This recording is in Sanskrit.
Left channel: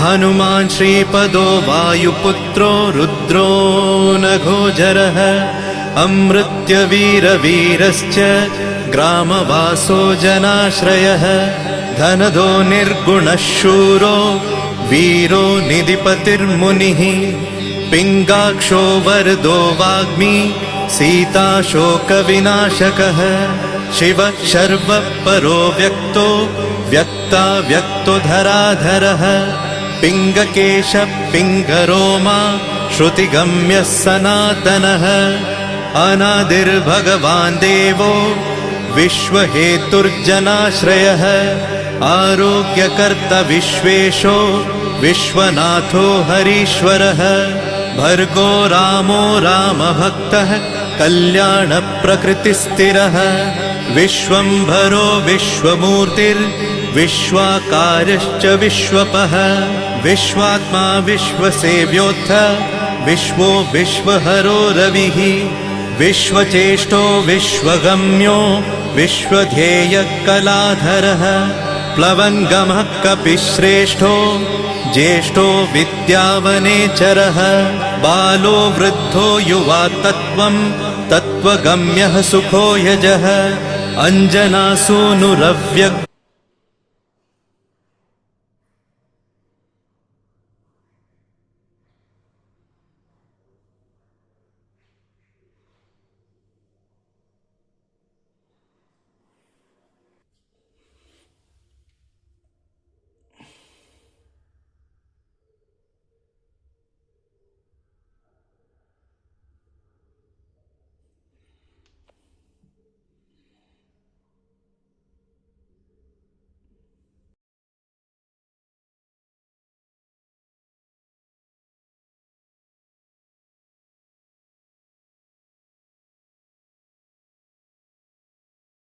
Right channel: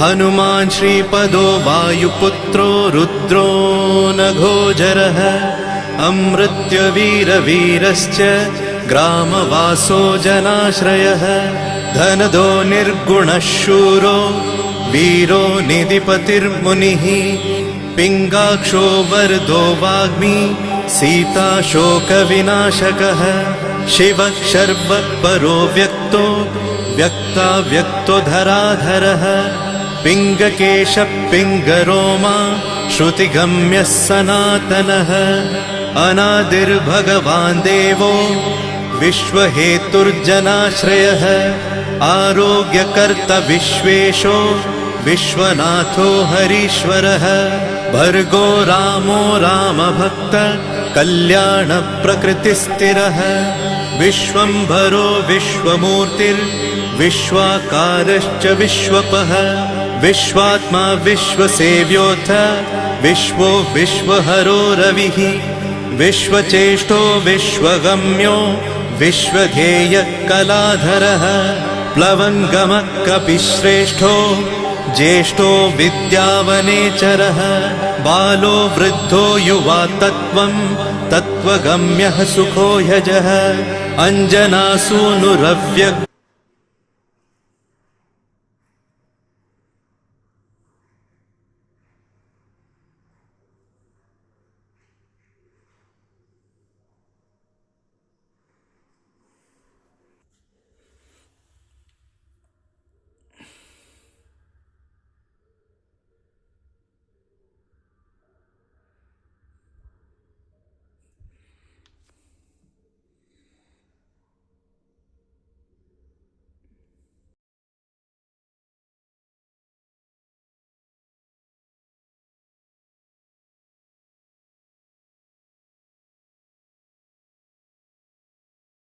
हनुमान् श्रीपदो वायुपुत्रो रुद्रो नघोजरः अमृत्यवीरवीरश्च ग्रामवासो जनाश्रयः धनदो निर्गुणः शूरो वीरो निधिपतिर्मुनिः पिङ्गाक्षो वरदो वाग्मी सीता शोकविनाशकः शिवः शर्वः परो व्यक्तो व्यक्तो धराधरः पिङ्गकेशः पिङ्गरोमा श्रुतिगम्यः सनातनः अनादिर्भगवान् देवो विश्वहेतुर्जनाश्रयः आरोग्यकर्ता विश्वेशो विश्वनाथो हरीश्वरः भर्गो रामो रामभक्तः कल्याणप्रकृतिस्थिरः विश्वम्भरो विश्वमूर्तिर्विश्वाकारश्च विश्वपः विश्वात्मा विश्वसेव्योऽथ विश्वो विश्वहरो रविः विश्वचेष्टो विश्वगम्यो विश्वध्येयः कलाधरः प्लवङ्गमः कपिश्रेष्ठो ज्येष्ठो विद्यावनेचरः बालो वृद्धो युवा तत्त्वगम्यः सुखो यजः अञ्जनासूनुरव्यक्तो